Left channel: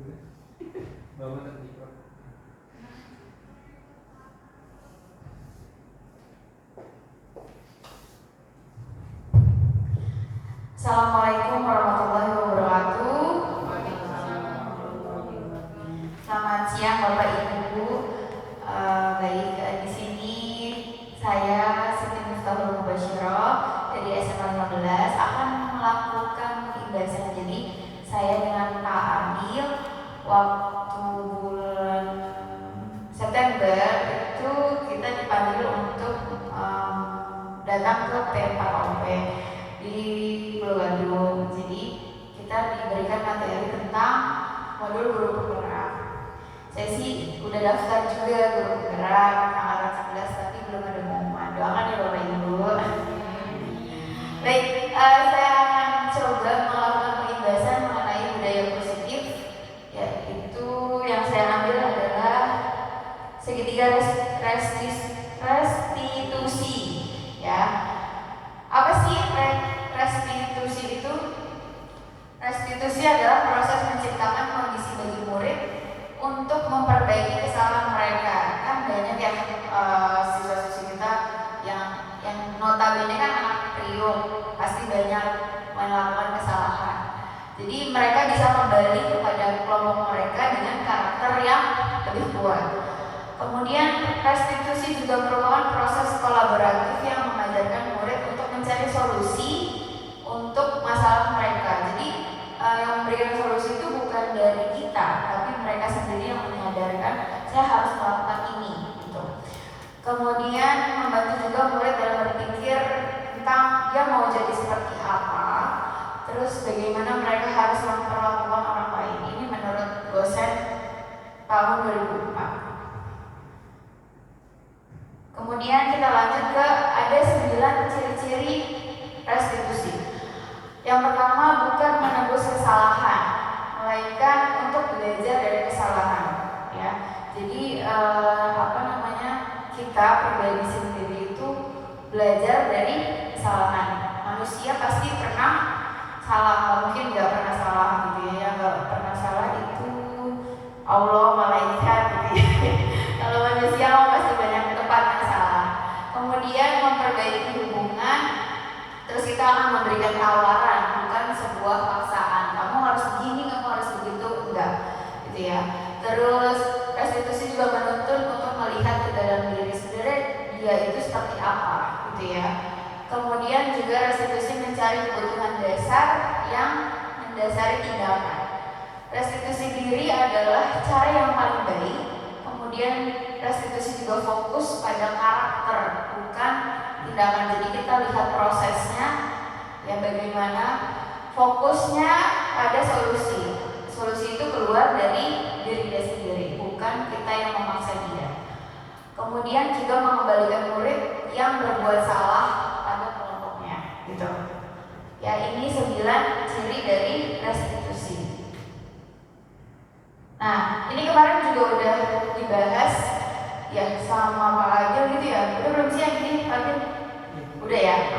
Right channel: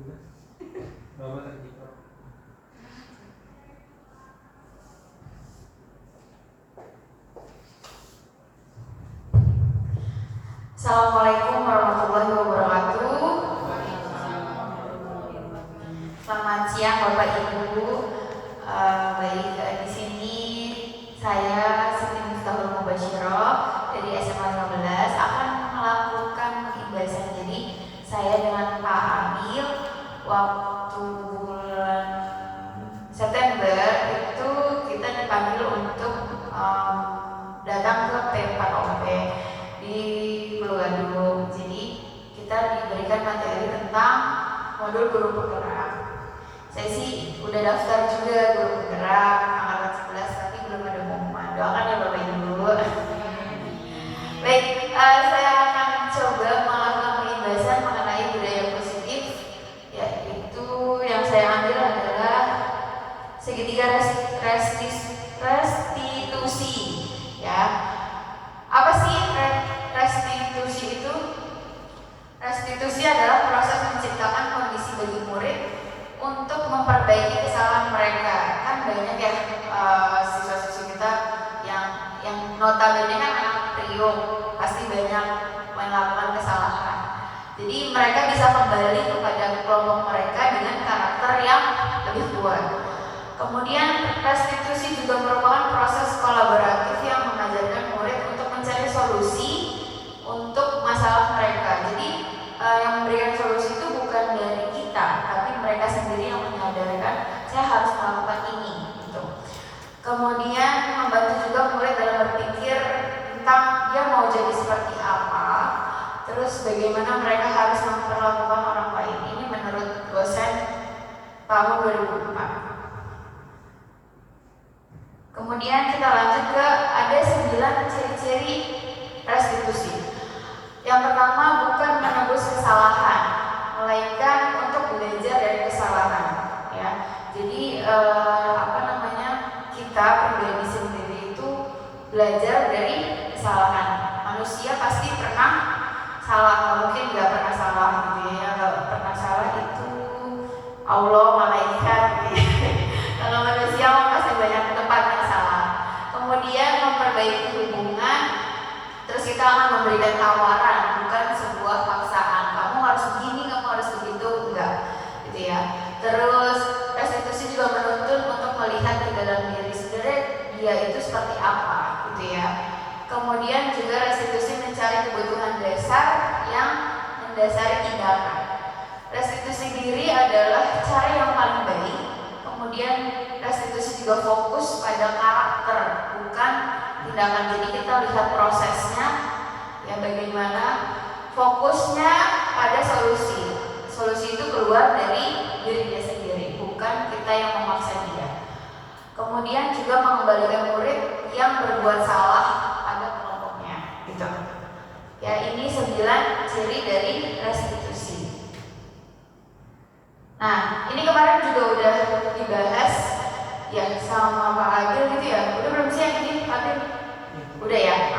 Assalamualaikum warahmatullahi wabarakatuh. Selamat siang Bapak Ibu. Baik, di sini saya Siti Miftahul Mubasyirah dari SMA 15 akan melakukan pembahasan. Jadi saya dengan Pak Amil waktu bulan September itu kita dipanggil untuk datang ke P4OP di Pulau. Jadi kita diberikan materi tentang modul guru penggerak. Saya sih udah daftar juga guru penggerak angkatan 11 tapi belum ada pengumuman. Doakan ya Bapak Ibu. Baik, saya akan coba melakukan pembahasan mengenai budaya positif. Yaitu yang saya ambil adalah segitiga restitusi. Ya, apa sih restitusi itu? Restitusi adalah proses menciptakan kondisi bagi murid untuk memperbaiki kesalahan mereka. Kan banyak ya siswa-siswi kita yang notabene kan anak priok, pasti banyak melakukan kesalahan. Jadi mereka bisa kembali kepada kelompok mereka dengan karakter yang lebih kuat. Kemudian restitusi juga merupakan proses kolaboratif yang mengajarkan murid untuk mencari solusi untuk masalah mereka. Jadi yang memberikan solusi itu bukan dari kita, tapi mereka sendiri yang menyadarkan saya harus melakukan ini. Gitu. Kemudian membantu juga murid dalam berpikir tentang dia mau jadi seperti apa, terus bagaimana mereka harus memperlakukan orang lain. Ini menurut dosen tahun 2004. Kemudian kita lanjut ke ada 9 ciri-ciri restitusi. Yang pertama, bukan menebus kesalahan, melainkan untuk belajar dari kesalahan. Ya, jadi kita pribadi sendiri itu belajar dari kesalahan. Manusia pasti pernah salah, mungkin nggak pernah salah gitu ya. Yang nggak pernah salah itu Allah, malaikat gitu ya. Kalau manusia pasti banyak tempatnya salah. Kemudian memperbaiki hubungan. Terus kita akan memberikan tawaran, bukan sebuah paksaan. Kamu harus begini, kamu harus begitu, enggak, gitu ya. Terus restitusi juga menuntut untuk melihat ke dalam diri sendiri, dia itu seperti apa, gitu ya. Kemudian juga restitusi mencari kebutuhan dasar yang mendasari tindakan. Restitusi diri adalah cara yang paling baik. Kemudian restitusi juga fokus pada karakter, bukan tindakan. Jadi kita lihat prosesnya, ya bagaimana fokusnya pada solusi. Solusi itu keluar dari diri dia sendiri, bukan kita yang memaksa dia. Kemudian juga mengembalikan murid yang berbuat salah pada kelompoknya, gitu. Ya, ini 9 ciri dari restitusi. Nah, ini kemarin juga udah dibahas ya sama Pak Agil gitu ya. Udah belum sih yang ini Pak Agil? Udah ya.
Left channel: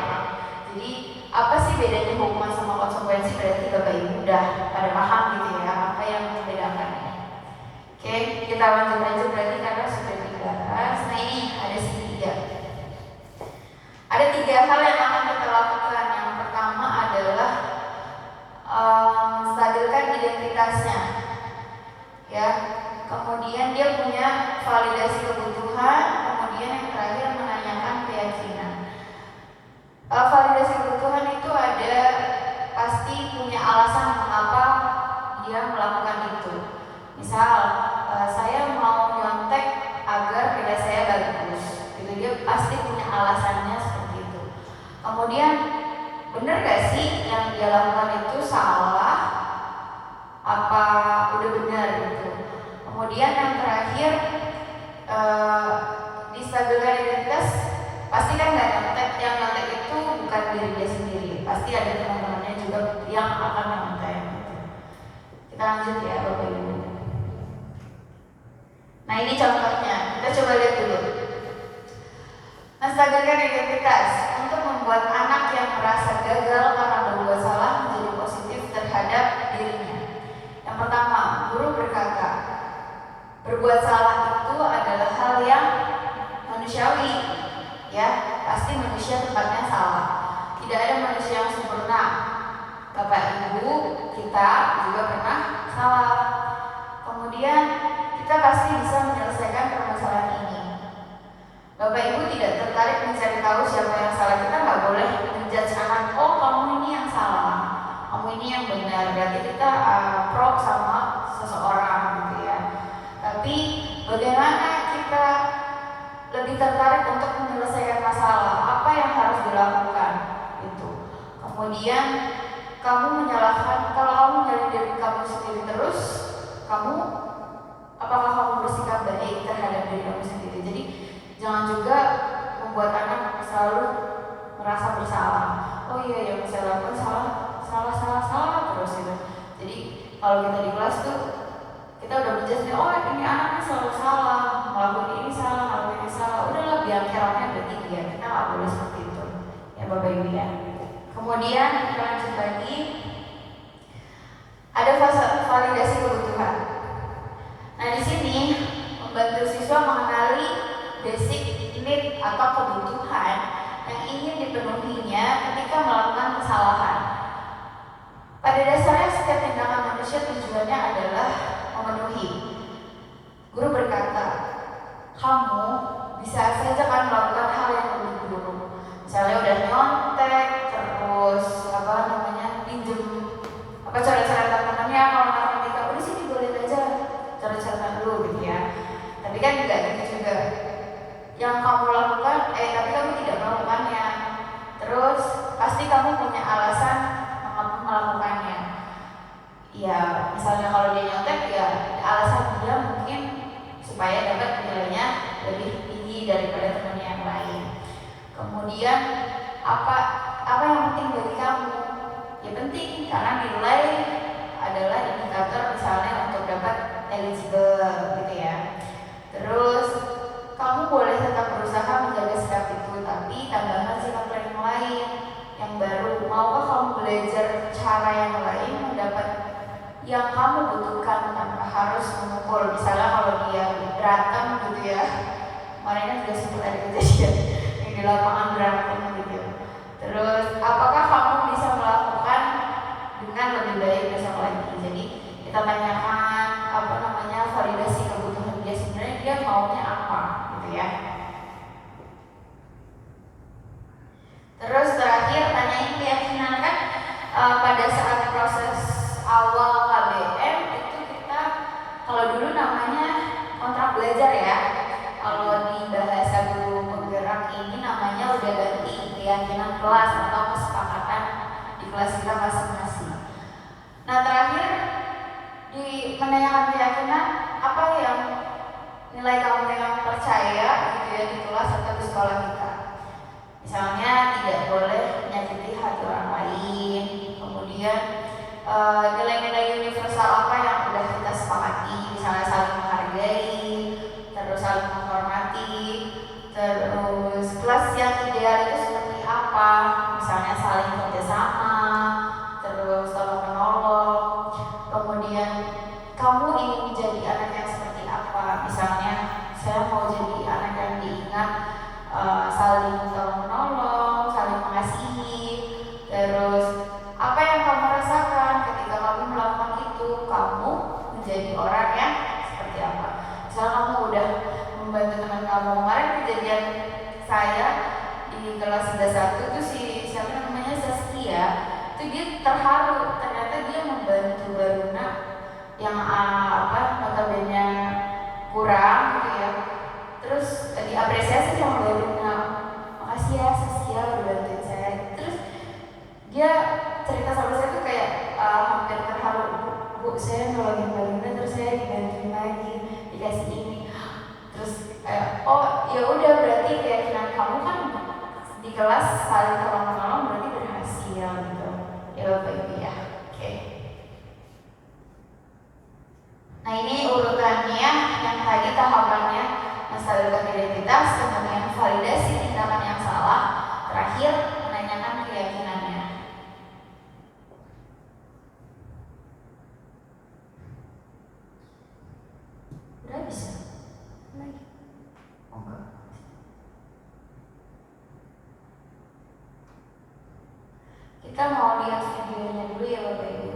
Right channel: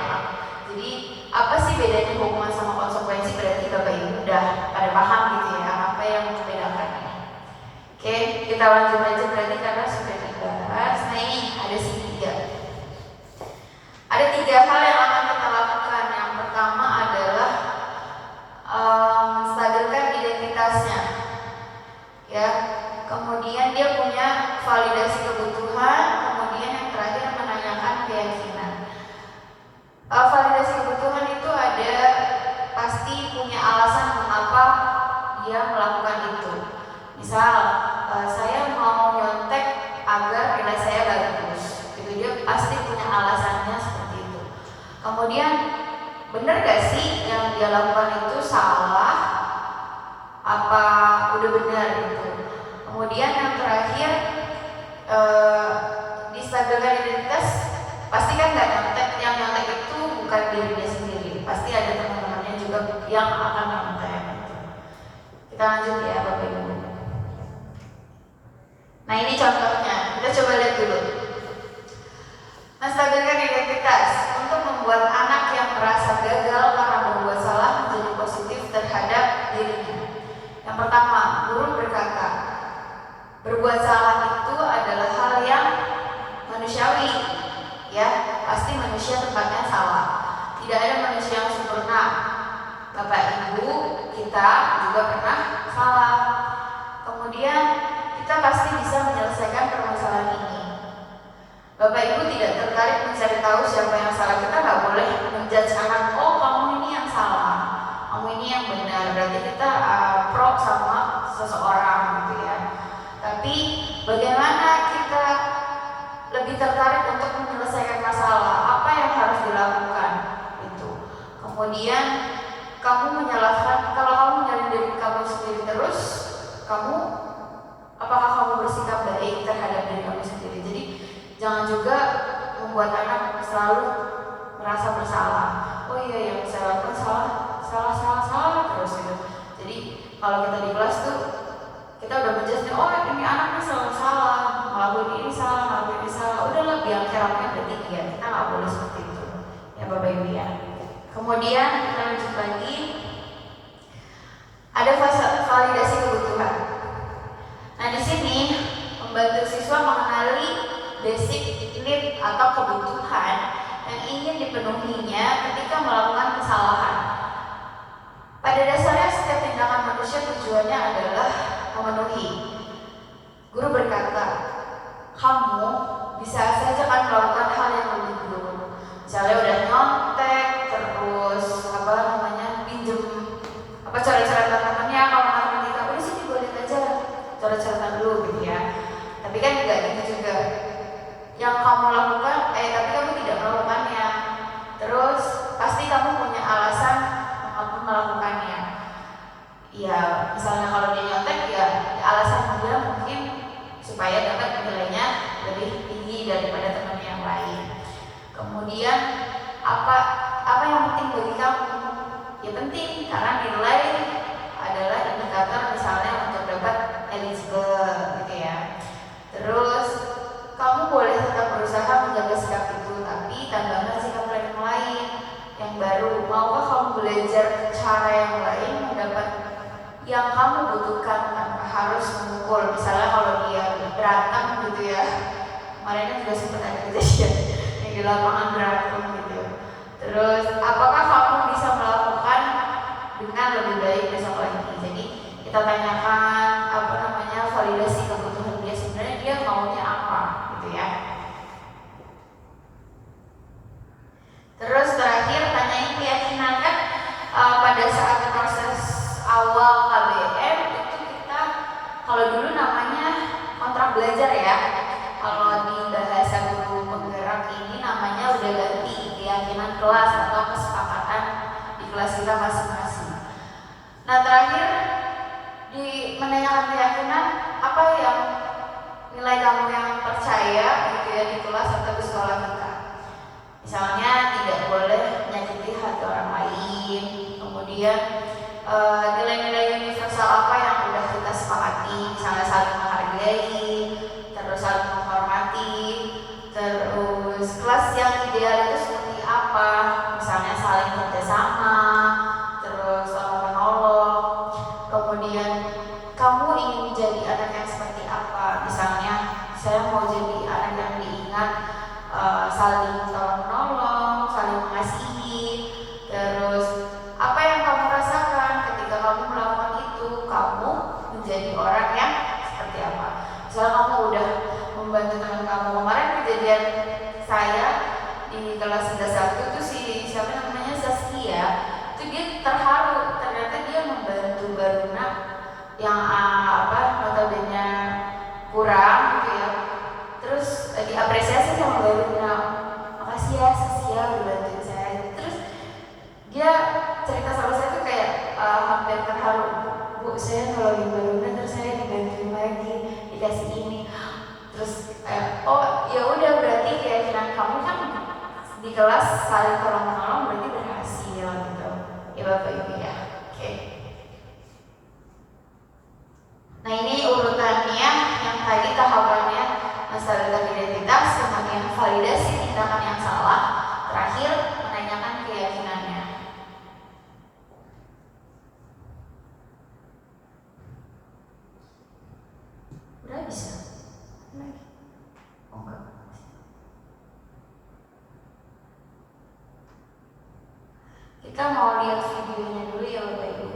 Jadi apa sih bedanya hukuman sama konsekuensi? Berarti Bapak Ibu udah pada paham gitu ya apa yang membedakan. Oke, kita lanjut aja berarti karena sudah dibahas. Nah ini ada segitiga. Ada 3 hal yang akan kita lakukan. Yang pertama adalah menstabilkan identitasnya. Ya, kemudian dia punya validasi kebutuhan, kemudian yang terakhir menanyakan keyakinan. Validasi kebutuhan itu ada pasti punya alasan mengapa dia melakukan itu. Misal, saya mau nyontek agar nilai saya bagus. Itu dia pasti punya alasannya seperti itu. Kemudian, benar gak sih yang dia lakukan itu salah? Apa udah benar gitu. Kemudian yang terakhir distabilkan identitas. Pasti kan nggak nyontek, yang nyontek itu bukan diri dia sendiri, pasti ada teman-temannya juga yang akan nyontek. Kita lanjut ya Bapak Ibu. Nah ini contohnya, kita coba lihat dulu. Menstabilkan identitas untuk membuat anak yang merasa gagal karena berbuat salah menjadi positif terhadap dirinya. Yang pertama, guru guru berkata, berbuat salah itu adalah hal yang manusiawi, ya, pasti manusia tempatnya salah. Tidak ada manusia yang sempurna. Bapak Ibu kita juga pernah salah. Kemudian kita pasti bisa menyelesaikan permasalahan ini. Bapak Ibu tidak tertarik mencari tahu siapa yang salah. Kita nggak boleh menjudge anak, oh kamu ini yang salah, kamu ini yang benar. Berarti kita pro sama seseorang gitu ya. Tapi bagaimana kita lebih tertarik untuk menyelesaikan masalah? Apa yang harus dilakukan? Itu. Kemudian kamu menyalahkan, kalau kamu nyalahin diri kamu sendiri terus, apakah kamu bersikap baik terhadap diri kamu sendiri? Jadi jangan juga membuat anak selalu merasa bersalah. Oh iya, yang saya lakukan salah terus gitu. Jadi kalau kita di kelas tuh kita udah menjelaskan, oh ini anaknya selalu salah, ngelakuin ini salah, udahlah biar kerapnya berarti dia. Kita nggak boleh seperti itu, ya Bapak Ibu ya. Kemudian kita lanjut lagi, ada fase validasi kebutuhan. Nah di sini membantu siswa mengenali basic need atau kebutuhan yang ingin dipenuhinya ketika melakukan kesalahan. Pada dasarnya setiap tindakan manusia tujuannya adalah memenuhi. Guru berkata, kamu bisa saja kan melakukan hal yang lebih buruk. Misalnya udah nyontek, terus pinjem coret-coretan temannya, kalau matematika udah sini boleh aja coret-coretan dulu gitu ya. Tapi kan enggak gitu juga. Yang kamu lakukan, tapi kamu tidak melakukannya. Terus pasti kamu punya alasan mengapa melakukannya. Ya, misalnya kalau dia nyontek ya alasan dia mungkin supaya dapat nilainya lebih tinggi daripada teman yang lain. Kemudian apa yang penting bagi kamu? Ya penting karena nilai adalah indikator misalnya untuk dapat eligible gitu ya. Terus kamu boleh tetap berusaha menjaga sikap itu, tapi tambahkan sikap yang lain yang baru. Maukah kamu belajar cara yang lain mendapat yang kamu butuhkan tanpa harus memukul? Misalnya kalau dia berantem gitu ya, kemarin juga sempat ada kejadian yang di lapangan berantem gitu. Terus apakah kamu bisa melakukan dengan lebih baik besok lagi? Jadi kita tanyakan validasi kebutuhan dia, sebenarnya dia maunya apa gitu ya. Terus terakhir tanyain keyakinan kan, pada saat proses awal KBM itu kita, kalau dulu namanya kontrak belajar ya, kalau di bahasa guru penggerak ini namanya udah ganti keyakinan kelas atau kesepakatan di kelas kita masing-masing. Nah terakhir di menanyakan keyakinan, apa yang nilai kamu yang percaya gitu ya di kelas atau di sekolah kita. Misalnya tidak boleh menyakiti hati orang lain, kemudian nilai-nilai universal apa yang udah kita sepakati, misalnya saling menghargai, terus saling menghormati, terus kelas yang ideal itu seperti apa, misalnya saling kerjasama, terus saling menolong. Kemudian kamu ingin menjadi anak yang seperti apa, misalnya saya mau jadi anak yang diingat saling tolong menolong, saling mengasihi. Terus apa yang kamu rasakan ketika kamu melakukan itu, kamu menjadi orang yang seperti apa. Misalnya kamu udah membantu teman kamu, kemarin kejadian saya di kelas 11 tuh siapa namanya Saskia, itu dia terharu, ternyata dia membantu Baruna yang notabene kurang gitu ya. Terus diapresiasi sama Baruna, makasih ya Saskia udah bantuin saya. Terus dia cerita sama saya tuh kayak hampir terharu, Bu saya nolongin Baruna terus saya dibantuin lagi, dikasih ini. Terus oh ya udah, berarti keyakinan kamu kan di kelas saling tolong menolong berarti berhasil gitu ya Bapak Ibu ya. Oke. Nah ini urutannya, yang tadi tahapannya menstabilkan identitas, kemudian validasi tindakan yang salah, terakhir menanyakan keyakinannya. Udah bisa? Oh enggak. Kita mau lihat videonya dulu ya Bapak Ibu.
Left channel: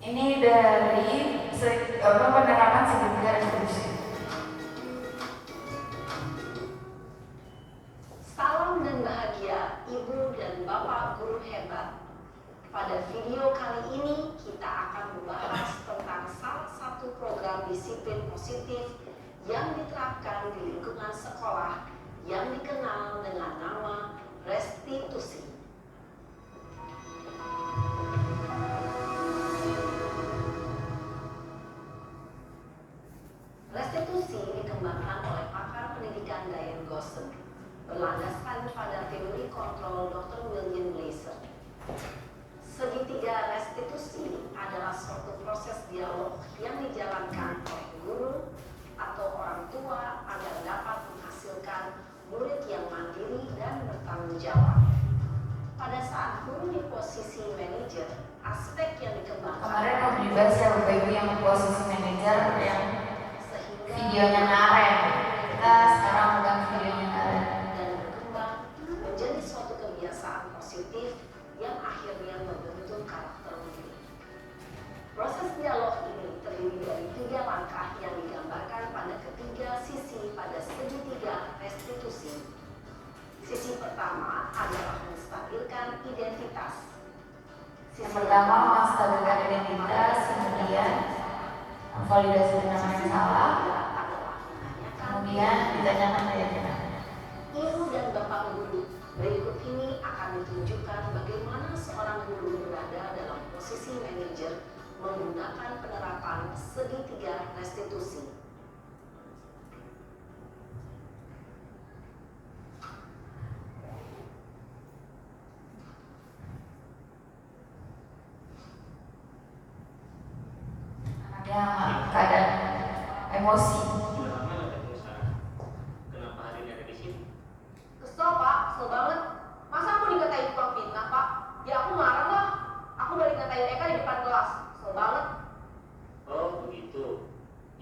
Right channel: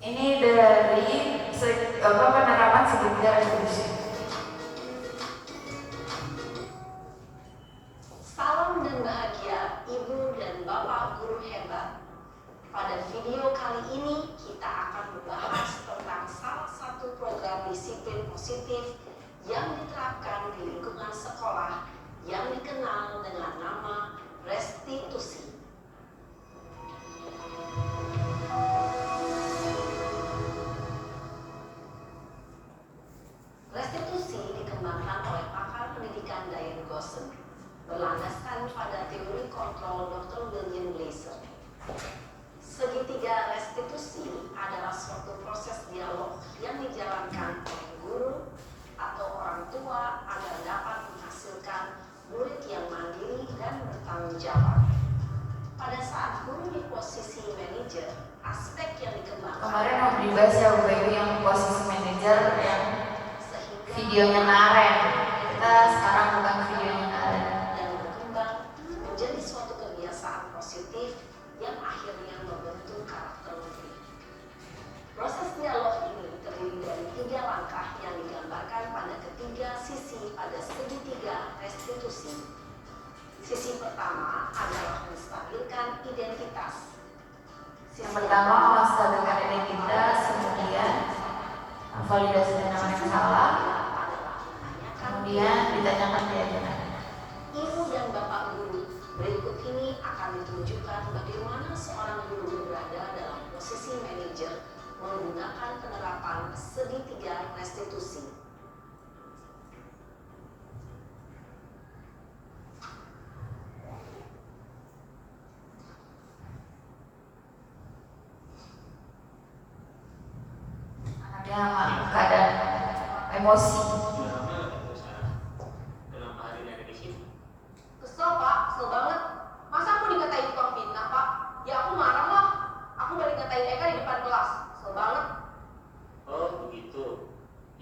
Ini dari penerapan segitiga restitusi. Salam dan bahagia Ibu dan Bapak guru hebat. Pada video kali ini kita akan membahas tentang salah satu program disiplin positif yang diterapkan di lingkungan sekolah yang dikenal dengan nama restitusi. Restitusi dikembangkan oleh pakar pendidikan Diane Gosson, berlandaskan pada teori kontrol Dr. William Glasser. Segitiga restitusi adalah suatu proses dialog yang dijalankan oleh guru atau orang tua agar dapat menghasilkan murid yang mandiri dan bertanggung jawab. Pada saat guru di posisi manajer, aspek yang dikembangkan Kemarin mau dibahas ya Bapak Ibu yang posisi manajer yang videonya Naren. Kita sekarang bukan videonya Naren. Dan berkembang menjadi suatu kebiasaan positif yang akhirnya membentuk karakter murid. Proses dialog ini terdiri dari 3 langkah yang digambarkan pada ketiga sisi pada segitiga restitusi. Sisi pertama adalah menstabilkan identitas. Yang pertama menstabilkan identitas, kemudian validasi benar yang salah, kemudian ditanyakan keyakinan. Ibu dan Bapak guru, berikut ini akan ditunjukkan bagaimana seorang guru berada dalam posisi manajer menggunakan penerapan segitiga restitusi. Anaknya keadaan emosi. Kenapa hari ini ada di sini? Kesel Pak, kesel banget. Masa aku dikatain tukang fitnah Pak? Ya aku marah lah. Aku balik ngatain Eka di depan kelas. Kesel banget. Oh begitu.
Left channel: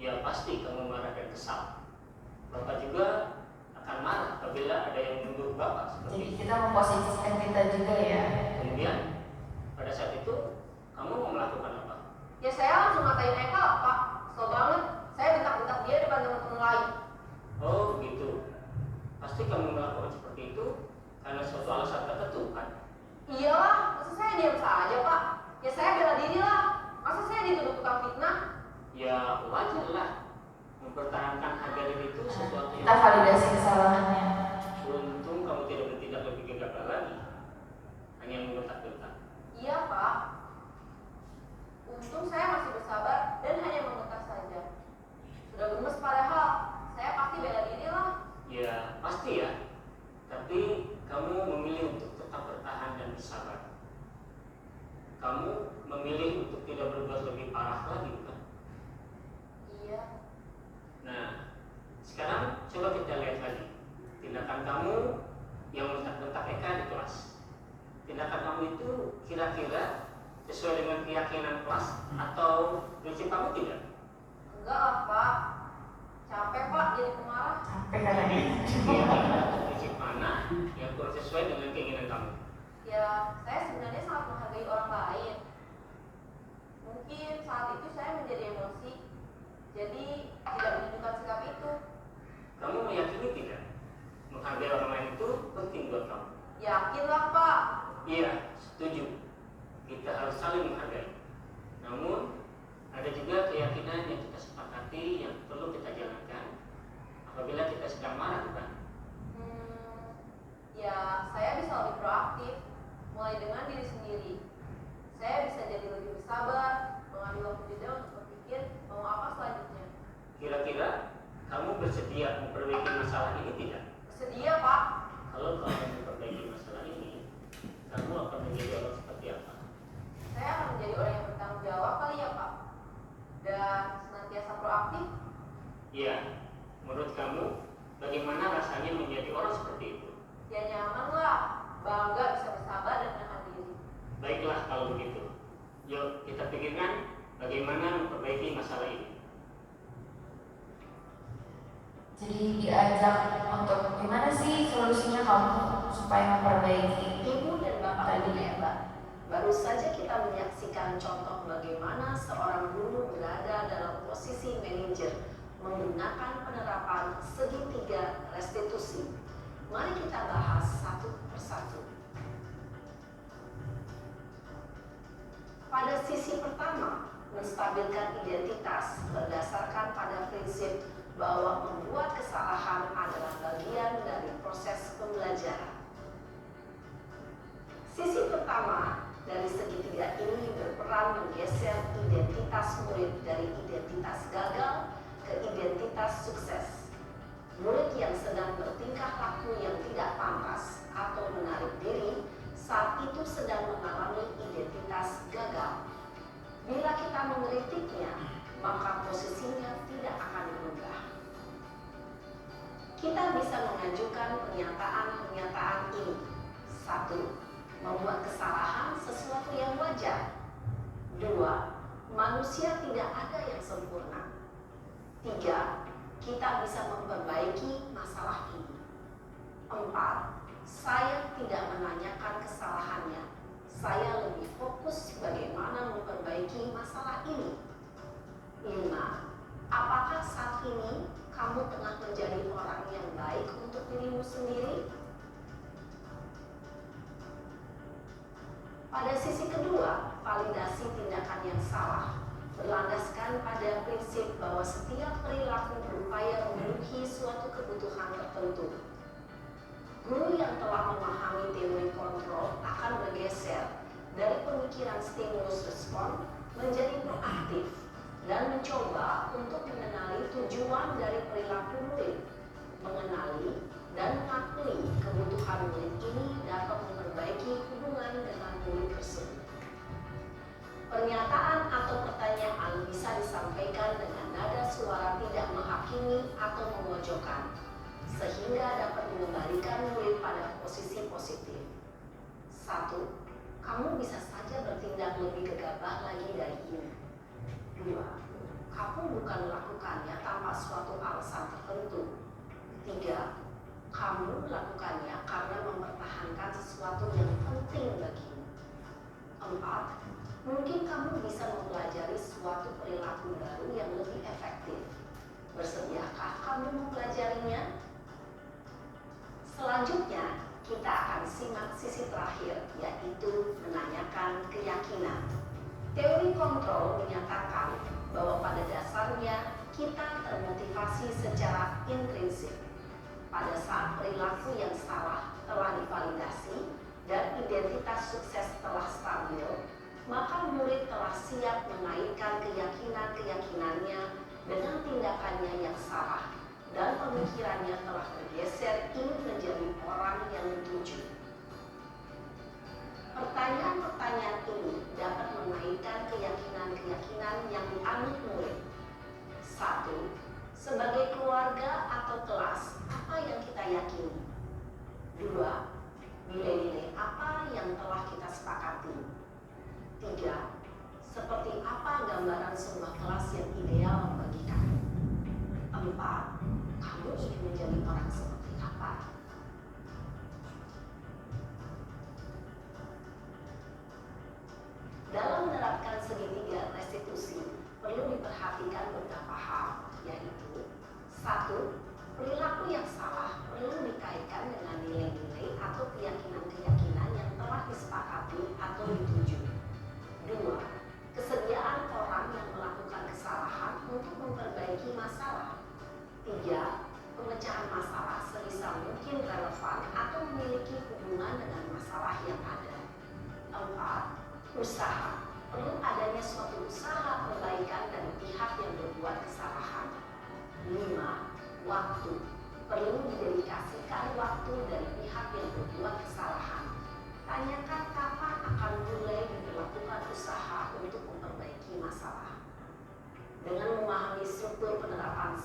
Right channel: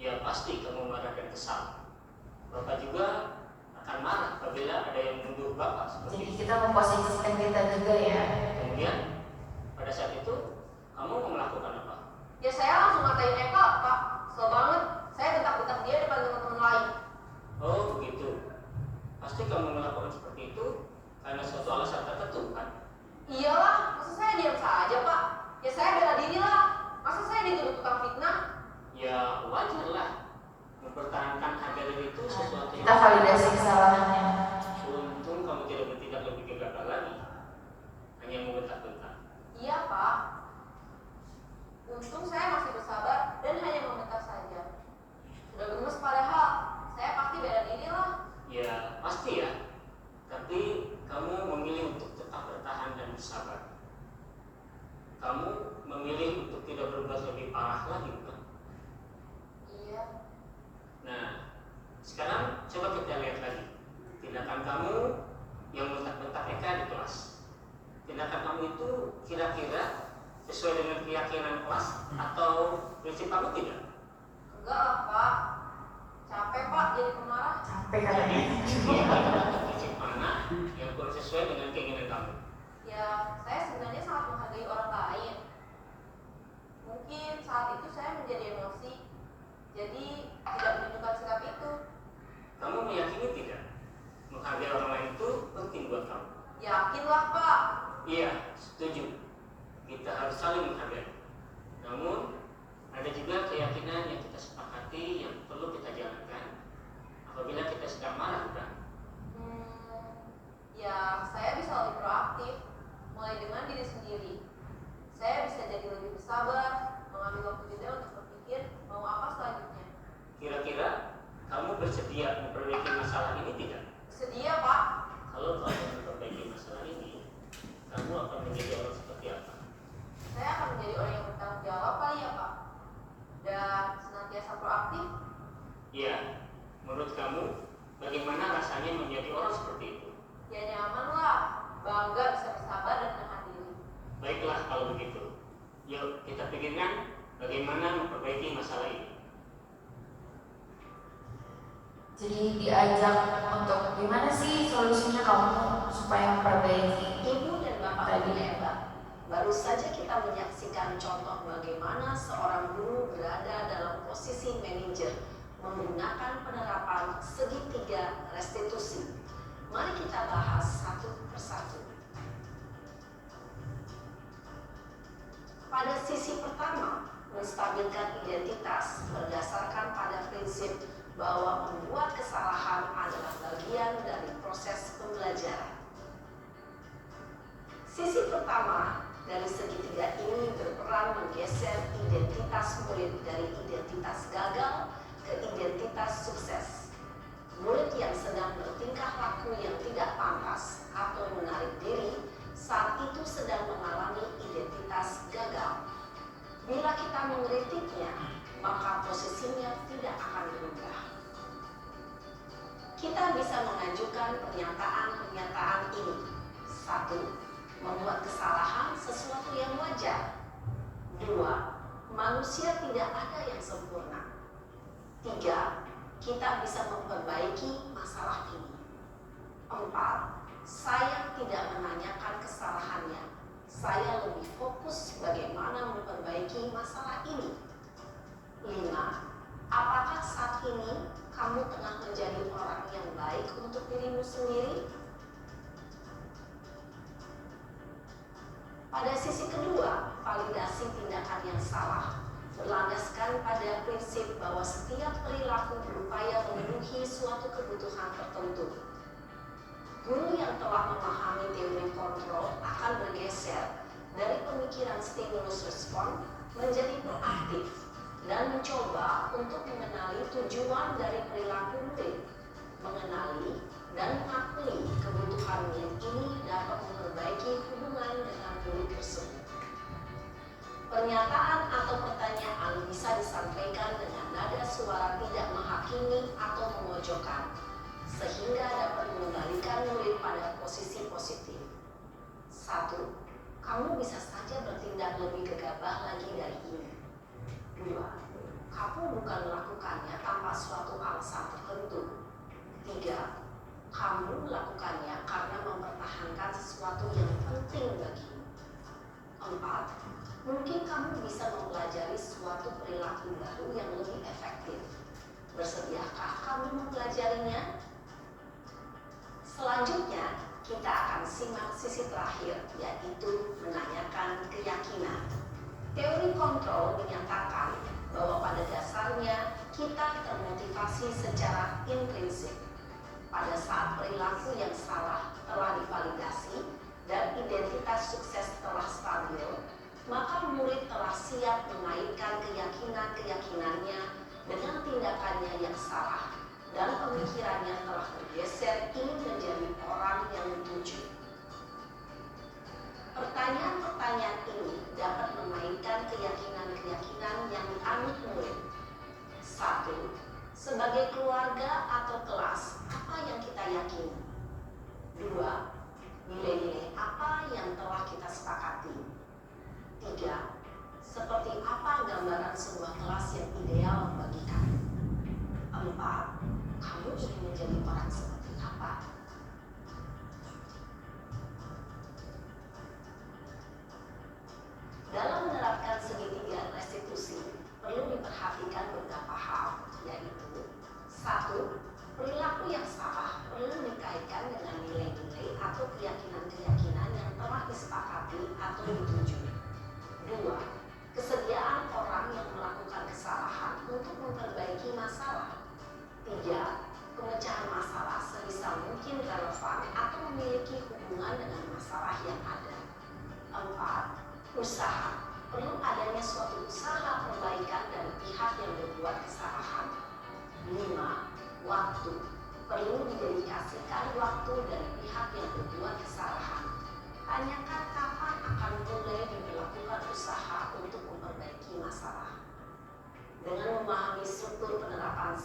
Ya pasti kamu marah dan kesal. Bapak juga akan marah apabila ada yang menuduh Bapak seperti Jadi itu. kita memposisikan kita juga ya. Kemudian pada saat itu kamu mau melakukan apa? Ya saya langsung ngatain Eka Pak. Kesel banget. Saya bentak-bentak dia depan teman-teman lain. Oh begitu. Pasti kamu melakukan seperti itu karena suatu alasan tertentu kan? Iyalah, masa saya diam saja Pak? Ya saya bela diri lah. Masa saya dituduh tukang fitnah? Ya wajar lah. Mempertahankan harga diri itu sesuatu Kita yang validasi kesalahannya. untung kamu tidak bertindak lebih gegabah lagi. Hanya membentak-bentak. Iya Pak. Untung saya masih bersabar dan hanya membentak saja. Sudah gemes padahal. Saya pasti bela diri lah. Ya pasti ya. Tapi kamu memilih untuk tetap bertahan dan bersabar. Kamu memilih untuk tidak berbuat lebih parah lagi, bukan? Iya. Nah, sekarang coba kita lihat lagi tindakan kamu yang bentak-bentak Eka di kelas. Tindakan kamu itu kira-kira sesuai dengan keyakinan kelas atau prinsip kamu tidak? Enggak lah Pak. Capek Pak jadi pemarah. Sampai Jadi kayaknya. keyakinan atau prinsip mana yang kurang sesuai dengan keinginan kamu? Ya, saya sebenarnya sangat menghargai orang lain. Mungkin saat itu saya menjadi emosi, jadi tidak menunjukkan sikap itu. Kamu meyakini tidak menghargai orang lain itu penting buat kamu? Yakinlah Pak. Iya, setuju. Kita harus saling menghargai. Namun ada juga keyakinan yang kita sepakati yang perlu kita jalankan apabila kita sedang marah, bukan? Ya saya bisa lebih proaktif, mulai dengan diri sendiri. Saya bisa jadi lebih bersabar, mengambil waktu jeda untuk berpikir mau apa selanjutnya. Kira-kira kamu bersedia memperbaiki masalah ini tidak? Bersedia Pak. Kamu kalau kau akan memperbaiki masalah ini, kamu akan menjadi orang seperti apa? Saya akan menjadi orang yang bertanggung jawab kali ya Pak, dan senantiasa proaktif. Iya, menurut kamu bagaimana rasanya menjadi orang seperti itu? Ya nyaman lah, bangga bisa bersabar dan menahan diri. Baiklah kalau begitu. Yuk kita pikirkan bagaimana memperbaiki masalah ini. Jadi diajak untuk gimana sih solusinya kamu supaya memperbaiki. Ibu dan Bapak guru hebat, baru saja kita menyaksikan contoh bagaimana seorang guru berada dalam posisi manajer menggunakan penerapan segitiga restitusi. Mari kita bahas satu persatu. Pada sisi pertama, menstabilkan identitas berdasarkan pada prinsip bahwa membuat kesalahan adalah bagian dari proses pembelajaran. Sisi pertama dari segitiga ini berperan menggeser identitas murid dari identitas gagal ke identitas sukses. Murid yang sedang bertingkah laku yang tidak pantas atau menarik diri saat itu sedang mengalami identitas gagal. Bila kita mengkritiknya, maka posisinya tidak akan berubah. Kita bisa mengajukan pernyataan-pernyataan ini. 1. Membuat kesalahan sesuatu yang wajar. 2. Manusia tidak ada yang sempurna. 3. Kita bisa memperbaiki masalah ini. 4. Saya tidak menanyakan kesalahannya. Saya lebih fokus bagaimana memperbaiki masalah ini. 5. Apakah saat ini kamu tengah menjadi orang yang baik untuk dirimu sendiri? Pada sisi kedua, validasi tindakan yang salah berlandaskan pada prinsip bahwa setiap perilaku berupaya memenuhi suatu kebutuhan tertentu. Guru yang telah memahami teori kontrol akan bergeser dari pemikiran stimulus respon menjadi proaktif dan mencoba untuk mengenali tujuan dari perilaku murid, mengenali dan mengakui kebutuhan murid ini dapat memperbaiki hubungan dengan murid tersebut. Pernyataan atau pertanyaan bisa disampaikan dengan nada suara tidak menghakimi atau memojokkan, sehingga dapat mengembalikan murid pada posisi positif. 1. Kamu bisa saja bertindak lebih gegabah lagi dari ini. 2. Kamu bukan melakukannya tanpa suatu alasan tertentu. 3. Kamu melakukannya karena mempertahankan sesuatu yang penting bagimu. 4. Mungkin kamu bisa mempelajari suatu perilaku baru yang lebih efektif. Bersediakah kamu mempelajarinya? Selanjutnya, kita akan simak sisi terakhir, yaitu menanyakan keyakinan. Teori kontrol menyatakan bahwa pada dasarnya kita termotivasi secara intrinsik. Pada saat perilaku yang salah telah divalidasi dan identitas sukses telah stabil, maka murid telah siap mengaitkan keyakinan-keyakinannya dengan tindakannya yang salah dan pemikirannya telah bergeser ingin menjadi orang yang dituju. Pertanyaan-pertanyaan ini dapat mengaitkan keyakinan-keyakinan yang dianut murid. 1. Sebagai keluarga atau kelas, apa yang kita yakini? 2. Nilai-nilai apa yang telah kita sepakati? 3. Seperti apa gambaran sebuah kelas yang ideal bagi kamu? 4. Kamu ingin menjadi orang seperti apa? Dalam menerapkan segitiga restitusi, perlu diperhatikan beberapa hal, yaitu 1. Perilaku yang salah perlu dikaitkan dengan nilai-nilai atau keyakinan-keyakinan yang telah disepakati atau dituju. 2. Kesediaan orang yang melakukan kesalahan untuk memperbaiki masalah. 3. Pemecahan masalah sebisa mungkin relevan atau memiliki hubungan dengan masalah yang ada. 4. Usaha. Perlu adanya suatu usaha perbaikan dari pihak yang berbuat kesalahan. 5. Waktu. Perlu didedikasikan waktu dari pihak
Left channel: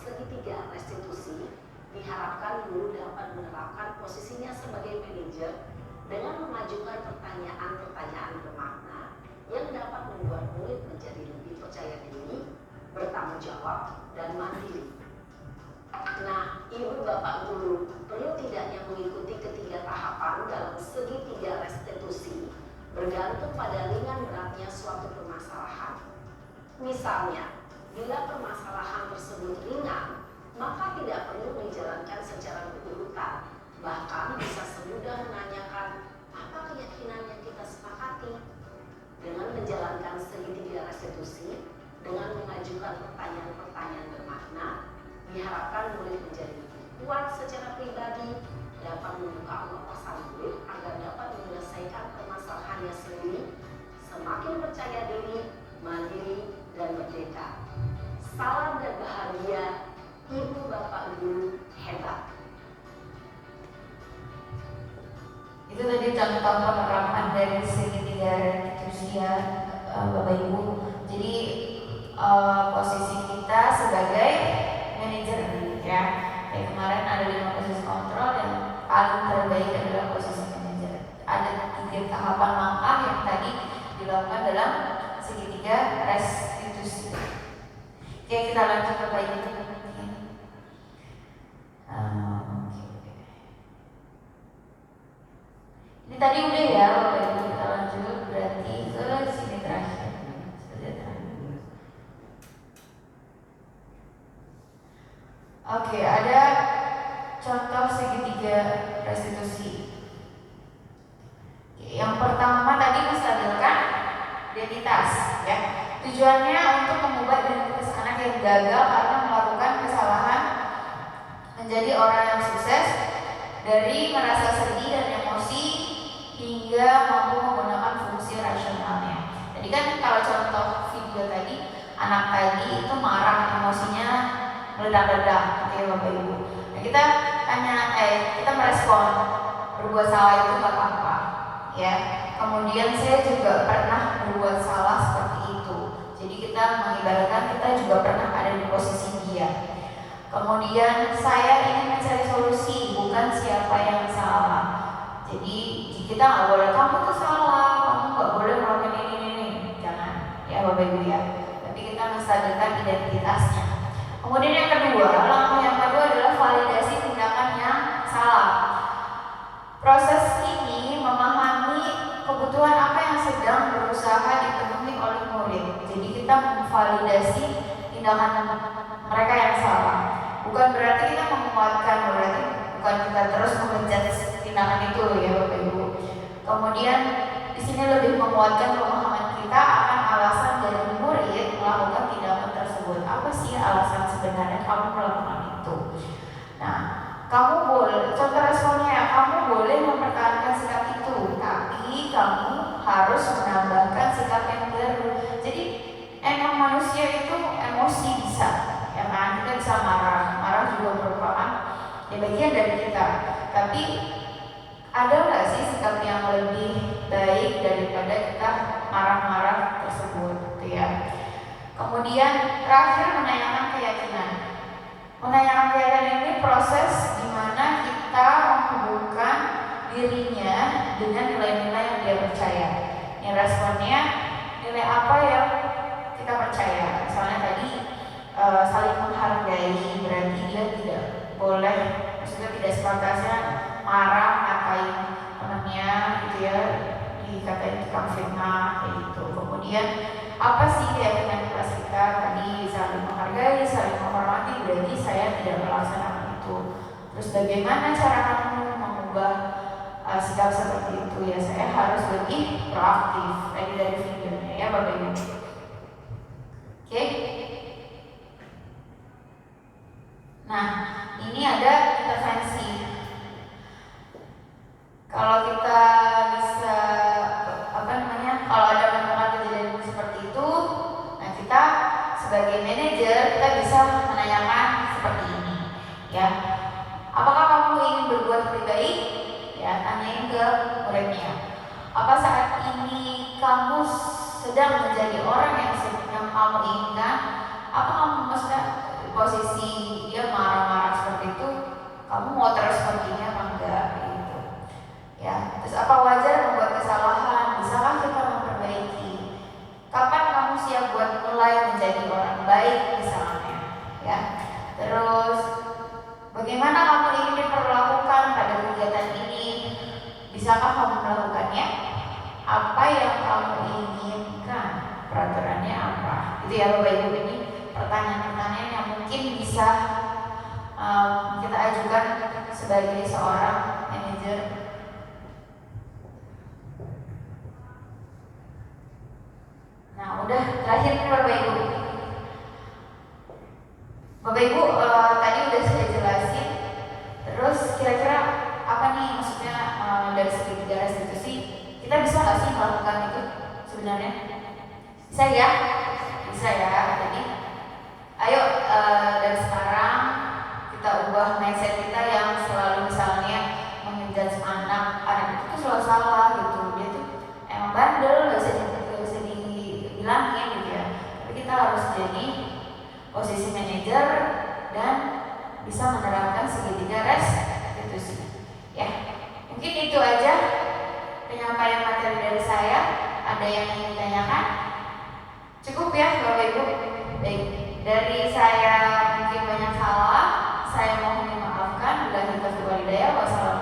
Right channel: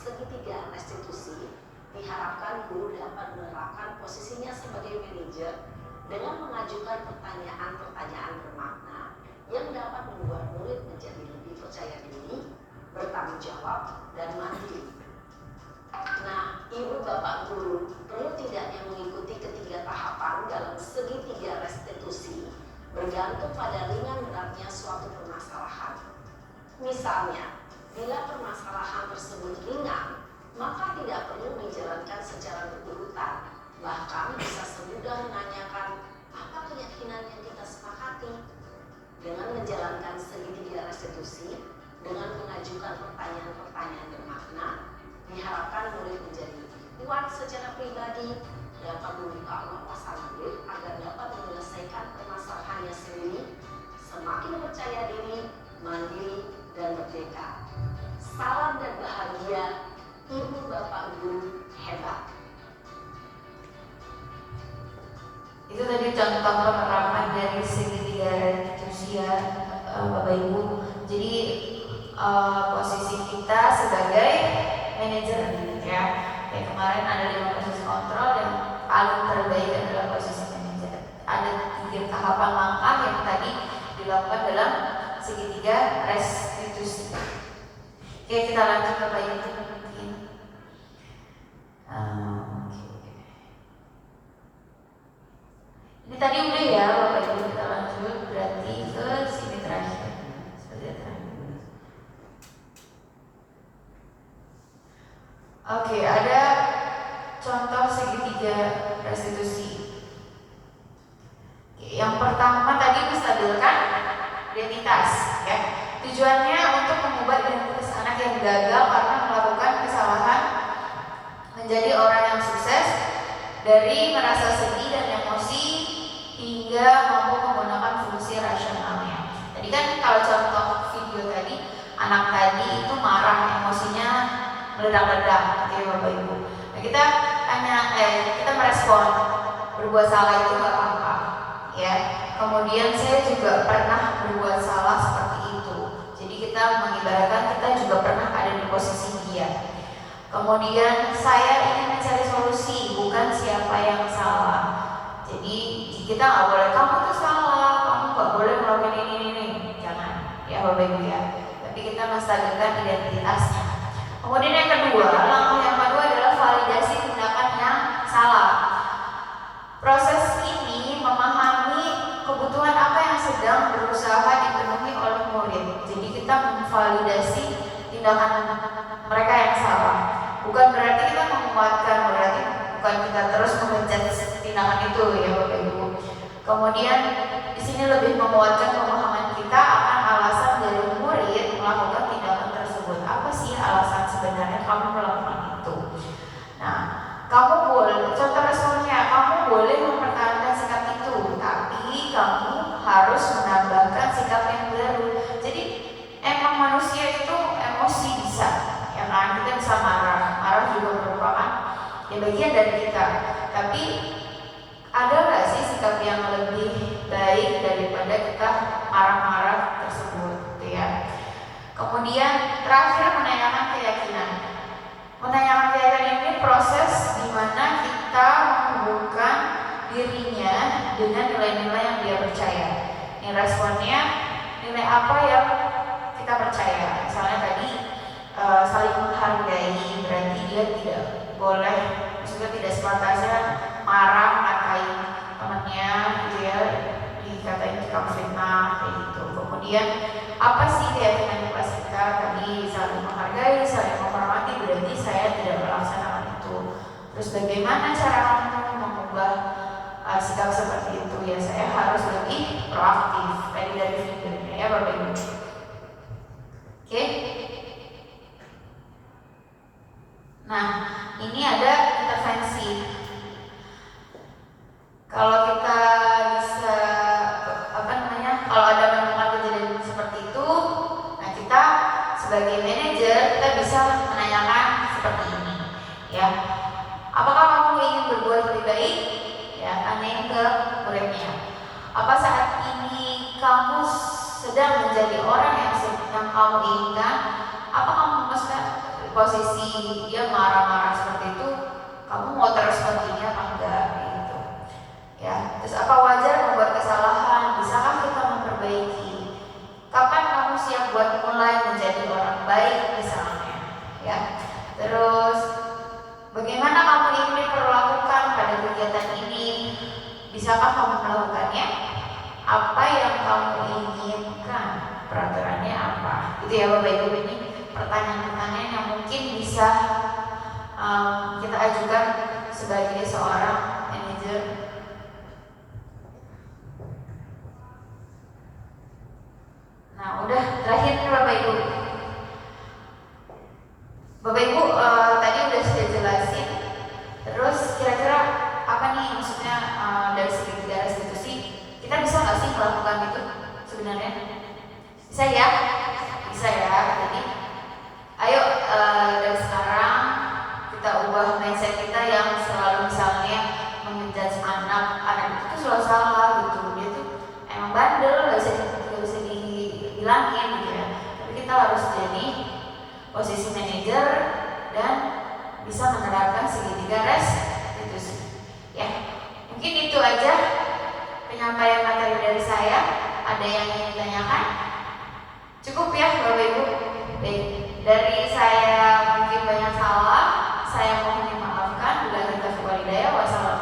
segitiga restitusi, diharapkan guru dapat menerapkan posisinya sebagai manajer dengan mengajukan pertanyaan-pertanyaan bermakna yang dapat membuat murid menjadi lebih percaya diri, bertanggung jawab, dan mandiri. Nah, ibu bapak guru perlu tidaknya mengikuti ketiga tahapan dalam segitiga restitusi bergantung pada ringan beratnya suatu permasalahan. Misalnya, bila permasalahan tersebut ringan, maka tidak perlu dijalankan secara berurutan. Bahkan bisa semudah menanyakan apa keyakinan yang kita sepakati. Dengan menjalankan segitiga restitusi, dengan mengajukan pertanyaan-pertanyaan bermakna, diharapkan murid menjadi lebih kuat secara pribadi, dapat membuka wawasan murid agar dapat menyelesaikan permasalahannya sendiri, semakin percaya diri, mandiri, dan merdeka. Salam dan bahagia, ibu bapak guru hebat. Itu tadi contoh penerapan dari segitiga restitusi ya, Bapak Ibu. Jadi posisi kita sebagai manajer ya. Kayak kemarin ada dalam proses kontrol dan paling terbaik adalah posisi manajer. Ada 3 tahapan langkah yang tadi dilakukan dalam segitiga restitusi. Oke, kita lanjut ke bagian ini. Ini tadi udah ya, Bapak Ibu, kita lanjut berarti ke sini terakhir. Seperti terakhir. Oke, ada contoh segitiga restitusi. Yang pertama tadi menstabilkan identitas, ya. Tujuannya untuk mengubah identitas anak yang gagal karena melakukan kesalahan menjadi orang yang sukses, dari merasa sedih dan emosi hingga mampu menggunakan fungsi rasionalnya. Jadi kan kalau contoh video tadi, anak tadi itu marah, emosinya meledak-ledak, oke Bapak Ibu. Nah, kita tanya, kita merespon berbuat salah itu gak apa-apa, ya. Kemudian saya juga pernah berbuat salah seperti itu. Jadi kita mengibaratkan kita juga pernah ada di posisi dia. Kemudian saya ingin mencari solusi, bukan siapa yang salah. Jadi kita nggak boleh kamu tuh salah, kamu nggak boleh melakukan ini, jangan, ya Bapak Ibu ya. Tapi kita menstabilkan identitasnya. Kemudian yang kedua, langkah yang kedua adalah validasi tindakan yang salah. Proses ini memahami kebutuhan apa yang sedang berusaha dipenuhi oleh murid. Jadi kita memvalidasi tindakan mereka yang salah. Bukan berarti kita menguatkan, berarti bukan kita terus mengejar tindakan itu ya Bapak Ibu. Kemudian di sini lebih menguatkan pemahaman kita akan alasan dari murid melakukan tindakan tersebut. Apa sih alasan sebenarnya kamu melakukan itu? Nah, kamu boleh, contoh responnya, kamu boleh mempertahankan sikap itu, tapi kamu harus menambahkan sikap yang baru. Jadi emang manusia itu emosi bisa, ya kan? Kita bisa marah, marah juga merupakan ya bagian dari kita. Tapi ada nggak sih sikap yang lebih baik daripada kita marah-marah tersebut, gitu ya? Kemudian terakhir menanyakan keyakinan. Menanyakan keyakinan ini proses di mana kita menghubungkan dirinya dengan nilai-nilai yang dia percaya. Ini responnya nilai apa yang kita percaya. Misalnya tadi saling menghargai, berarti dia tidak boleh, maksudnya tidak sepantasnya marah ngatain temannya gitu ya, dikatain tukang fitnah kayak gitu. Kemudian apa sih keyakinan kelas kita tadi, saling menghargai, saling menghormati, berarti saya tidak melaksanakan itu. Terus bagaimana cara kamu mengubah sikap seperti itu? Ya saya harus lebih proaktif dari videonya ya Bapak Ibu. Oke. Nah ini ada intervensi. Kalau kita bisa kalau ada menemukan kejadian seperti itu, nah kita sebagai manajer kita bisa menanyakan seperti ini, ya. Apakah kamu ingin berbuat lebih baik? Ya, tanyain ke muridnya. Apa saat ini kamu sedang menjadi orang yang kamu inginkan? Apa kamu posisi dia marah-marah seperti itu, kamu mau terus perginya apa enggak gitu. Ya, terus apa wajar membuat kesalahan? Bisakah kita memperbaiki? Kapan kamu siap buat mulai menjadi orang baik misalnya? Ya. Terus bagaimana kamu ingin diperlakukan pada kegiatan ini? Bisakah kamu melakukannya? Apa yang kamu inginkan? Peraturannya apa? Itu ya Bapak Ibu, ini pertanyaan-pertanyaan yang mungkin bisa kita ajukan sebagai seorang manajer. Nah, udah terakhir nih Bapak Ibu. Bapak Ibu tadi udah saya jelasin. Terus kira-kira apa nih maksudnya dari segi tiga restitusi? Kita bisa nggak sih melakukan itu sebenarnya? Bisa ya? Bisa ya. Jadi ayo dari sekarang kita ubah mindset kita yang selalu misalnya menjudge anak itu tuh selalu salah gitu. Dia tuh emang bandel, nggak bisa dibilangin gitu ya. Tapi kita harus jadi posisi manajer dan bisa menerapkan segitiga restitusi. Ya, mungkin itu aja penyampaian materi dari saya. Ada yang ingin ditanyakan? Cukup ya Bapak Ibu? Baik, dari saya mungkin banyak salah, saya mohon dimaafkan. Bila kita berwalidaya, wassalamualaikum